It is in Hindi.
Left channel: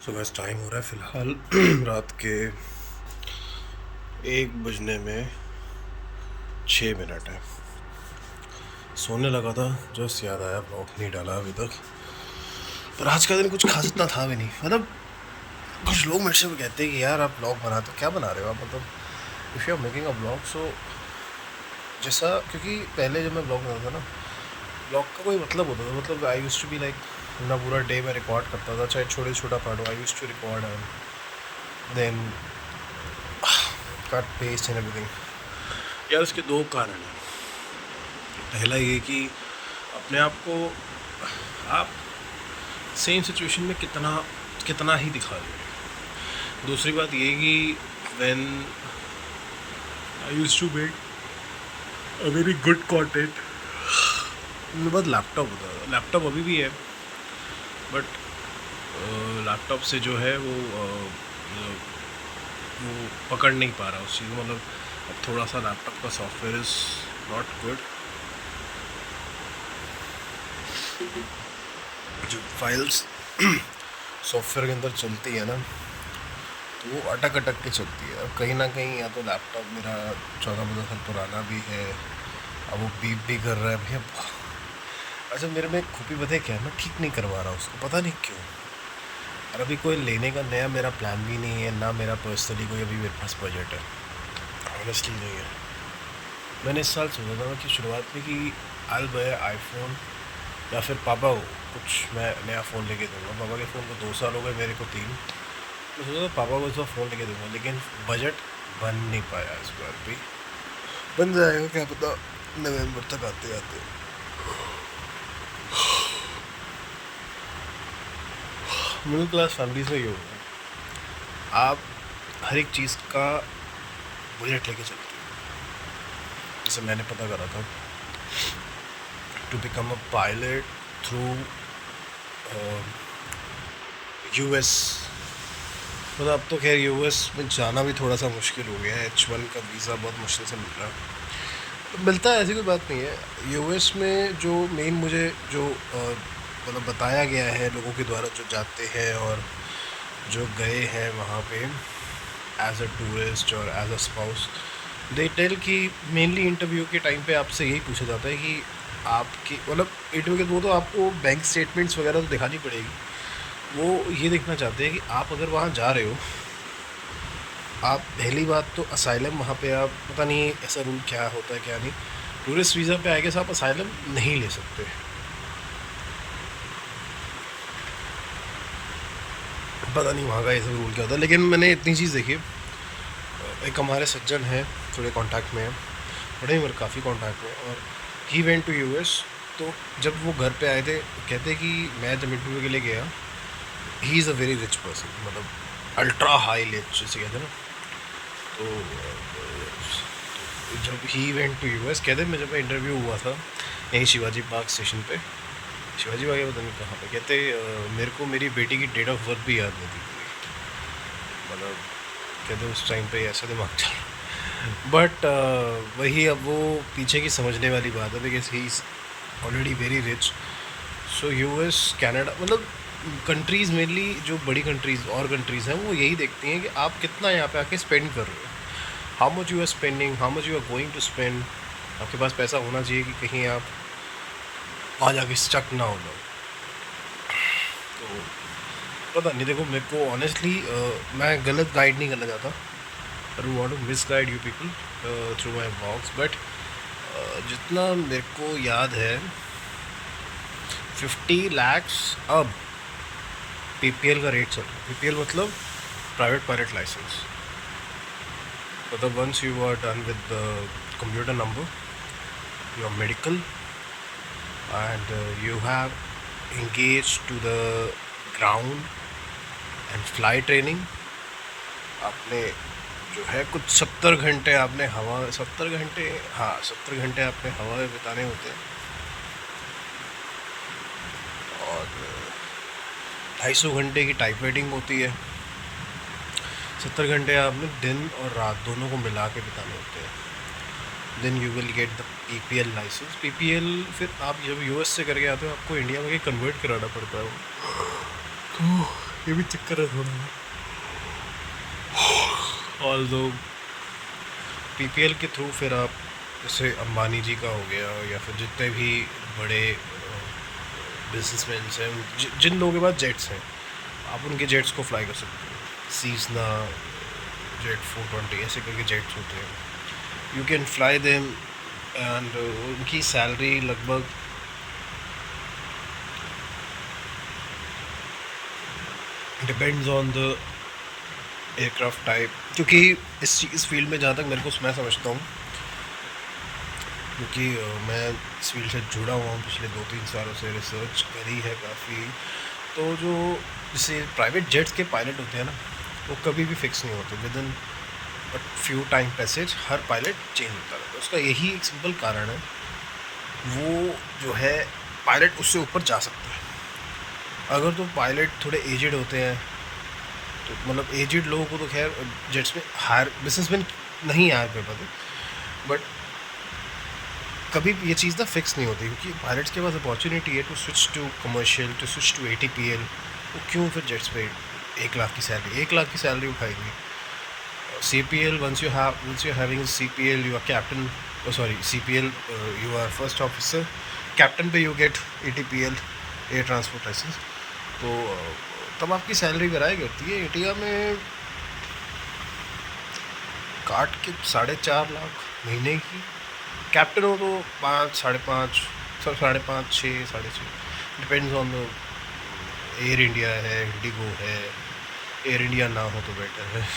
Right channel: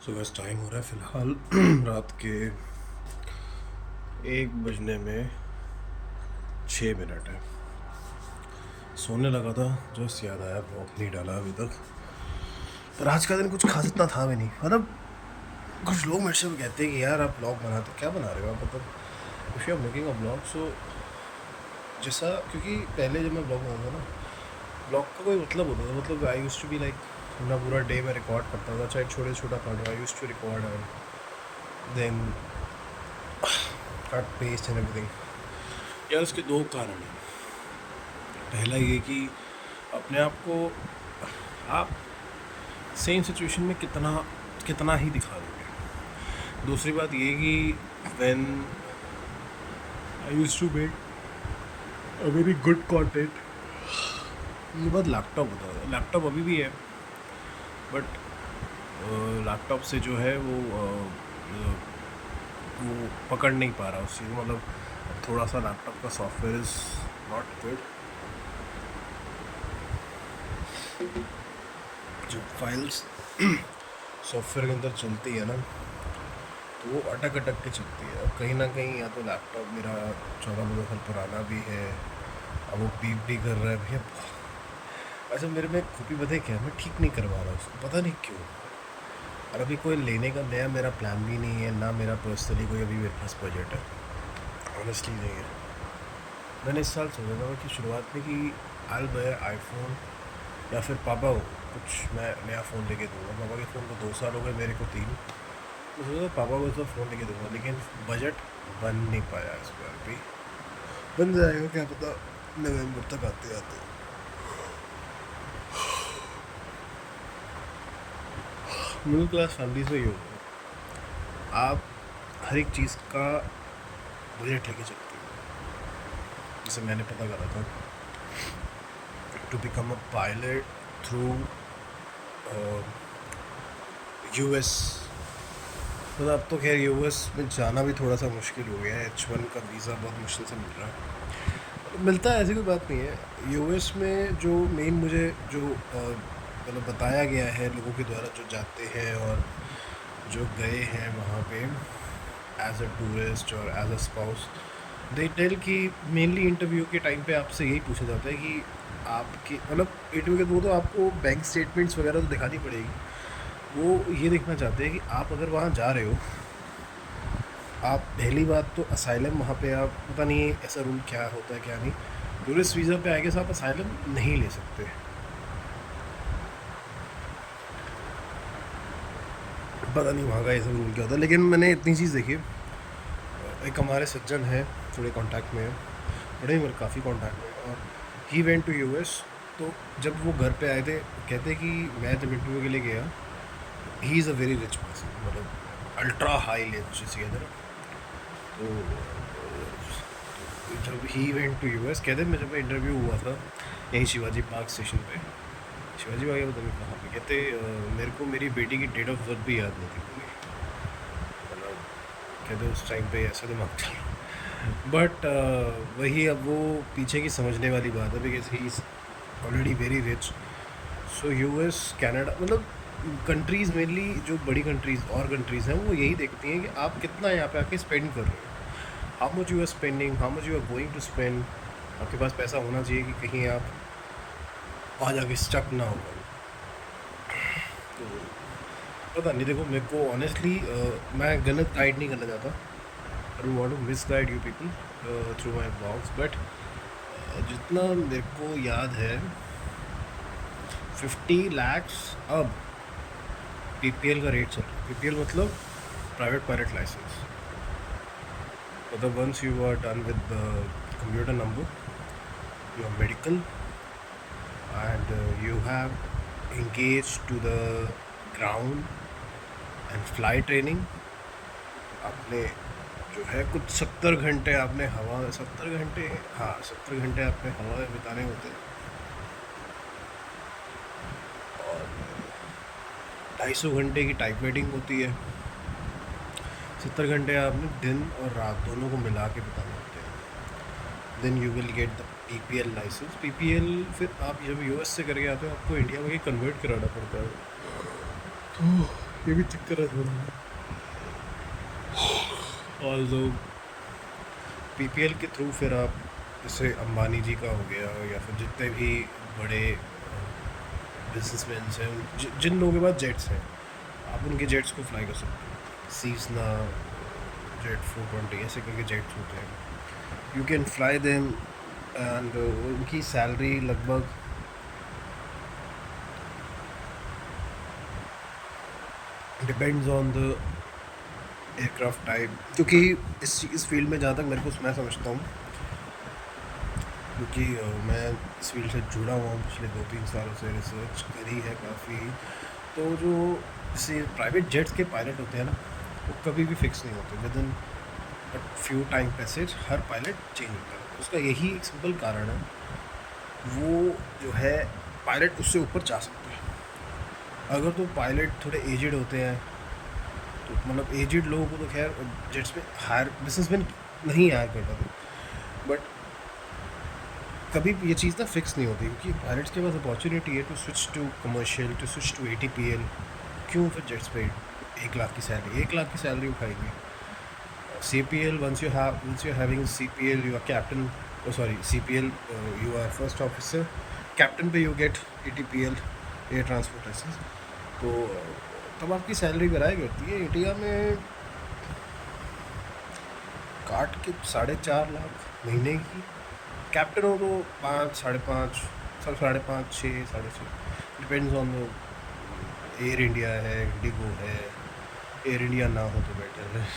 सो बस टाइम हो रहा है फ़िलहाल रात के 1 बजने में 6 मिनट है। सोने लगा था, जस्ट याद आया ब्लॉग नहीं डाला अभी तक। पर आज का दिन कुछ खास इतना था भी नहीं। मतलब कुछ लोग मेरे से भी कहते हैं कि यार आप ब्लॉग बनाते हो, क्या बना रहे हो आप? मतलब if you are making a blog so जैसा, क्योंकि पहले जब मैं ब्लॉग बनाता था ना, ब्लॉग का कोई मतलब होता था। मतलब I used to be like अपना पूरा डे मैं रिकॉर्ड करता था, चाहे छोटे छोटा पार्ट हो। I used to record and then cut paste and everything. यार उसके दो कारण हैं। पहला ये कि अपने आप को आप सेम सिचुएशन में कितना कितना ही दिखा दोगे। दूसरी बात ये कि when I used to make a very good content, मेरे पास लैपटॉप होता था। लैपटॉप अभी भी है, बट लैपटॉप से जो है वो पकड़ नहीं पा रहा उस चीज़ को। मतलब अब थोड़ा सा लैपटॉप का सॉफ्टवेयर इज़ नॉट गुड। जो फाइल्स सॉफ्टवेयर के अंदर चलती है ना, तो वो अटक अटक के चलती है। अब कहीं ना कहीं या तो लैपटॉप मेरा 14-15 साल पुराना भी है, अब वो बीप भी कर रहा है भैया। अच्छा, मेरे में खूबी पता है क्या है, मैं ठीक नहीं करवा रहा उसको, पता नहीं क्यों। और अभी कोई लेने का नया मेरा प्लान भी नहीं है ना, मेरा पर्सनली कोई अभी मेरे पास बजट है, ऑनेस्टली नहीं है। मैंने इस साल सोचा था कि शुरुआत में कि आई बाय आईफोन, या फिर पापा को कुछ मैं नया फ़ोन लेके दूंगा। पापा के फ़ोन को 2 साल हो गए, मेरे को 3। मैं सोचा था पापा को इस बार फ़ोन लेके दूंगा, लेकिन बजट बन नहीं पाया। इस बार भी बन जाएगा क्या पता, नवंबर तक आते आते। मिडिल क्लास फैमिलीज में ये होगा, आप हर एक चीज़ का बजट लेके चलते हो। जैसे मैंने पता करा था to become a pilot through US. मतलब अब तो खैर यूएस में जाना भी थोड़ा सा मुश्किल हो गया है। H1 का वीज़ा बहुत मुश्किल से मिल रहा है। मिलता है, ऐसी कोई बात नहीं है। यूएस में जो मेन मुझे जो मतलब बताया गया है लोगों के द्वारा जो जाते हैं और जो गए हैं वहाँ पे एज अ टूरिस्ट और as a spouse, they tell कि मेनली इंटरव्यू के टाइम पे आपसे यही पूछा जाता है कि आपकी मतलब इंटरव्यू के वो तो आपको बैंक स्टेटमेंट्स वगैरह तो दिखानी पड़ेगी। वो ये देखना चाहते हैं कि आप अगर वहाँ जा रहे हो, आप पहली बात तो असाइलम वहाँ पे आप पता नहीं ऐसा रूल क्या होता है क्या नहीं। टूरिस्ट वीज़ा पे आएगा आप असाइलम नहीं ले सकते। पता नहीं वहाँ का ऐसा रूल क्या होता है, लेकिन मैंने इतनी चीज़ देखी। एक हमारे सज्जन हैं, थोड़े कांटेक्ट में हैं, बड़े ही काफ़ी कांटेक्ट में, और ही वेंट टू यूएस। तो जब वो घर पे आए थे, कहते कि मैं जब इंटरव्यू के लिए गया, he is a very rich person, मतलब अल्ट्रा हाई रिच जिसे कहते हैं ना। तो जब ही वेंट टू यूएस, कहते मैं जब इंटरव्यू हुआ था यहीं शिवाजी पार्क स्टेशन पे, शिवाजी पार्क पता नहीं कहाँ पे, कहते मेरे को मेरी बेटी की डेट ऑफ बर्थ भी याद नहीं थी पूरी। मतलब कहते उस टाइम पे ऐसा दिमाग चल। बट वही, अब वो पीछे की समझने वाली बात है, because he is already very rich. So US, Canada, मतलब कंट्रीज़ मेनली जो बड़ी कंट्रीज़ और कंट्रीज़ हैं वो यही देखती हैं कि आप कितना यहाँ पे आके स्पेंड कर रहे हो, how much you are spending, how much you are going to spend. आपके पास पैसा होना चाहिए कि कहीं आप वहाँ जाके स्टक ना हो जाओ। तो पता नहीं, देखो मेरे को ऑनेस्टली मैं गलत गाइड नहीं करना चाहता। I don't want to misguide you people through my blogs, but जितना मेरे को याद है 50 lakhs अब पीपीएल का रेट चल रहा है। पीपीएल मतलब प्राइवेट पायलट लाइसेंस। मतलब once you are done with the computer number, your medical, and you have engaged to the ground and fly training, आपने जो है कुछ 70 घंटे आपने हवा, 70 घंटे, हाँ 70 घंटे आपने हवा में बिताने होते हैं, और 250 घंटे की टाइप राइटिंग होती है। 70 घंटे आपने दिन और रात दोनों को मिला के बिताने होते हैं। Then you will get the PPL license. PPL फिर आप जब यूएस से करके आते हो, आपको इंडिया में कन्वर्ट कराना पड़ता है वो। ये भी चक्कर है थोड़ा। ऑल दो पीपीएल के थ्रू फिर आप जैसे अंबानी जी का हो गया या फिर जितने भी बड़े बिजनेसमैन हैं जिन लोगों के पास जेट्स हैं, आप उनके जेट्स को फ्लाई कर सकते हो। सीजना जेट 420 ऐसे करके जेट्स होते हैं, you can fly them. And उनकी सैलरी लगभग depends on the aircraft type, क्योंकि इस फील्ड में जहाँ तक मेरे को मैं समझता हूँ, क्योंकि मैं इस फील्ड से जुड़ा हुआ हूँ पिछले 2-3 सालों से, रिसर्च करी है काफ़ी। तो जो जैसे प्राइवेट जेट्स के पायलट होते हैं ना, वो कभी भी फिक्स नहीं होते। With in but few time passage her pilot change होता रहता है। उसका यही एक सिंपल कारण है, वो जो है पायलट उससे ऊपर जा सकता है। अगर तो पायलट थोड़े एजड होते हैं, तो मतलब एजड लोगों को तो खैर जेट्स में हायर बिजनेसमैन नहीं हायर कर पाते, बट कभी भी ये चीज़ ना फिक्स नहीं होती, क्योंकि पायलट्स के पास अपॉर्चुनिटी है to switch to commercial, to switch to ATPL. वो क्यों फिर जेट्स पे 1 लाख की सैलरी, 1 लाख की सैलरी उठाएंगे? CPL, once you're having CPL, you are captain, oh sorry, CPL, you are first officer, captain पे you get ATPL, air transport license. तो तब आपकी सैलरी गिराया करती है। इंडिया में काट के 4.5 लाख महीने की। कैप्टन हो तो 5, 5.5, सब 5.5, 6, 6.5, depends on the. Air India है, इंडिगो है, एयर इंडिया ना हो तो बेटर है।